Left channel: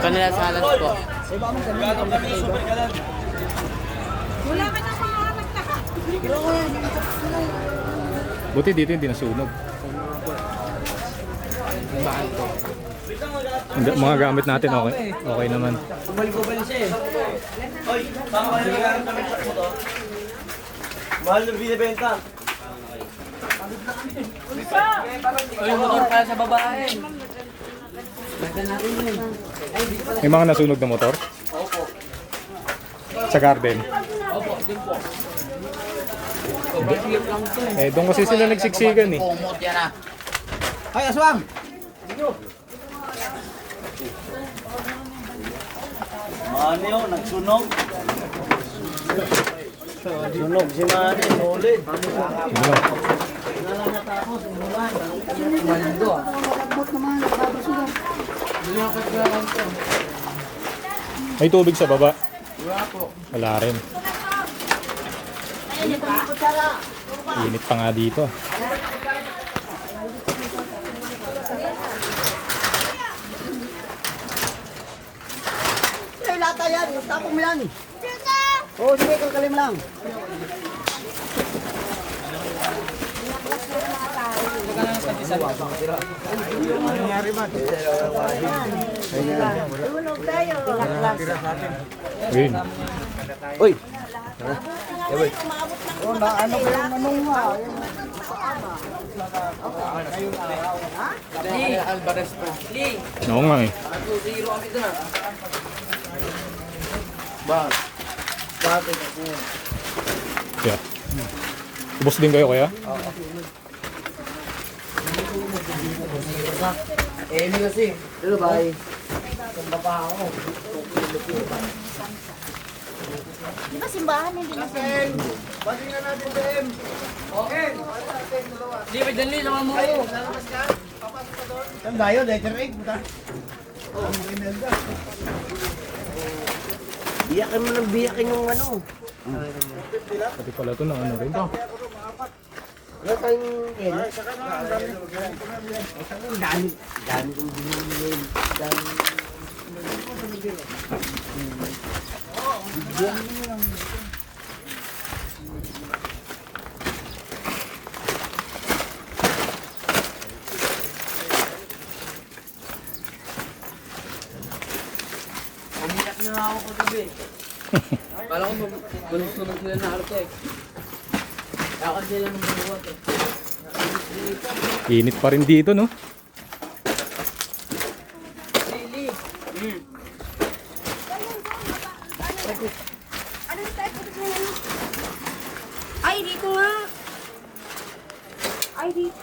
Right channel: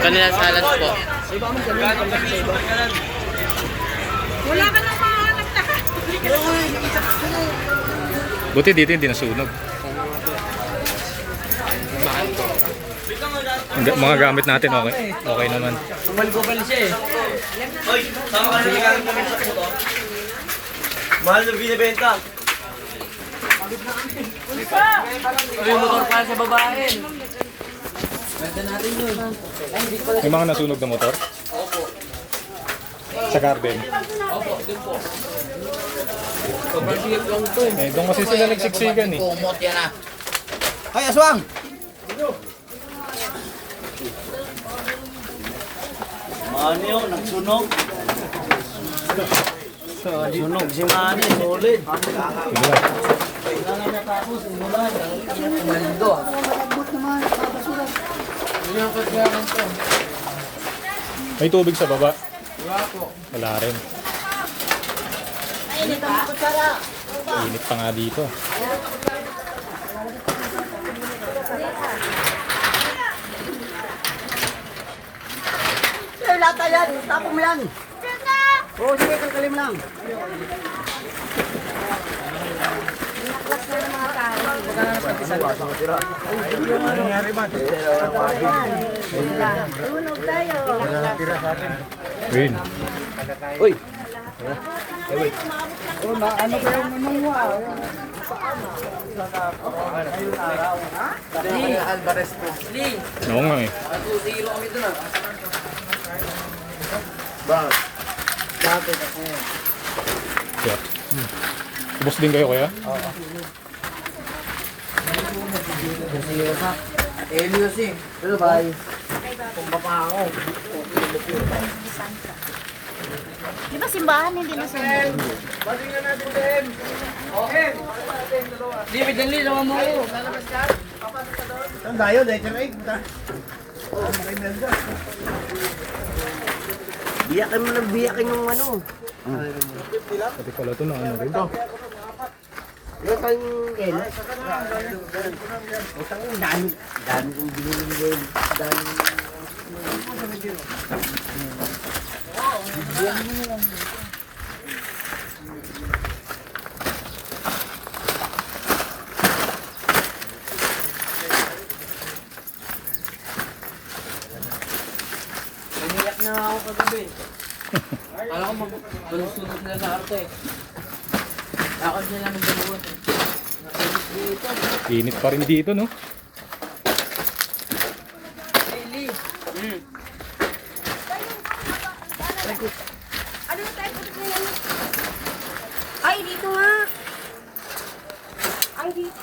Kanila salas po. Wala ka na mahanap na. Buti dito hindi nasunog. Mga gamit natin okay. Okay naman. Kumal-kumal siya eh. Oy, tama ka na lang kami sa ito. Mahal na binibenta. Ay, motor para sa babae. Lagyan natin yun. May mga nasunog na motor? Opo. Sa garden. Opo, din po. Pagbasigip lang to eh. Eh, doon kasi sila nagsiksikan eh. Kumot yan ah. Hoy, aswang! Ano yun? Nagsunog? Sunog si Mani, solid. Ano? Kumalindo ah. Hindi ako kagawin to. May tubig sa baba? Wala po. Wala rin. Init pa nga dito. Lata yan, tapong mo yan. Oo, sige, kalkalim lang. Ano nangyari ba? Tunog tayo. Win. Uy! Ano ba yung manungwa? Dali, Alvarez po. Ling, Oo nga eh. 2-0 kami doon ah. Bakit? Yeah. Ubus din kayo kaya? music. Bye. Kumba pa ako. Di ba simbahan hindi na sila? Di, may danli naman mo. Saan tayo? Letter 8, puta. Biyakin mo ng biyakin yung ano. Pati pala ito na ano rin. Yung kang Ken. Dami kong binili. Dami. Umiyak na ako kagabi. Alam ko magsunog sila sa arte. Lakad sila ng dalawot eh. Init pa rin dito no? Ano yung type of yan? Ay, dito nga. Ay, dito.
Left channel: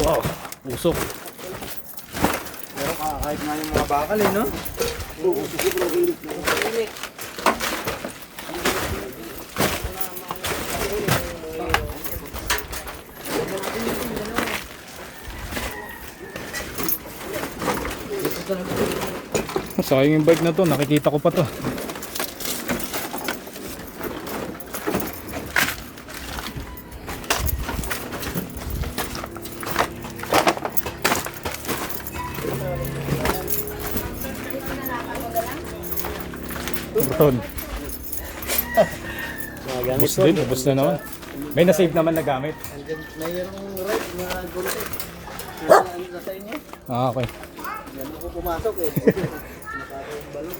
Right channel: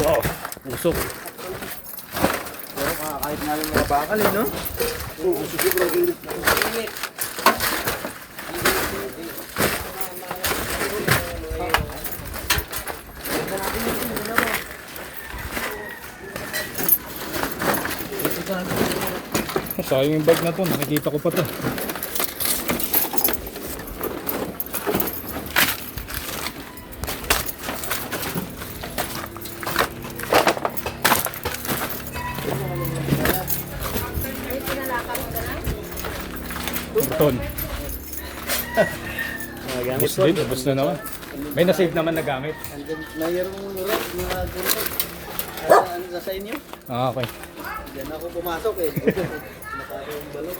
Wow, usok. Kahit nga yung mga bakal eh, no? Oo, siguro. Sayang yung bike na to, nakikita ko pa to. Karton. Ubus din, ubus na naman. May na-save naman na gamit. Mayroong red, mga gulo. Ano sa inyo? Ah, okay. Diyan ako pumasok eh. Nakaka yung balot.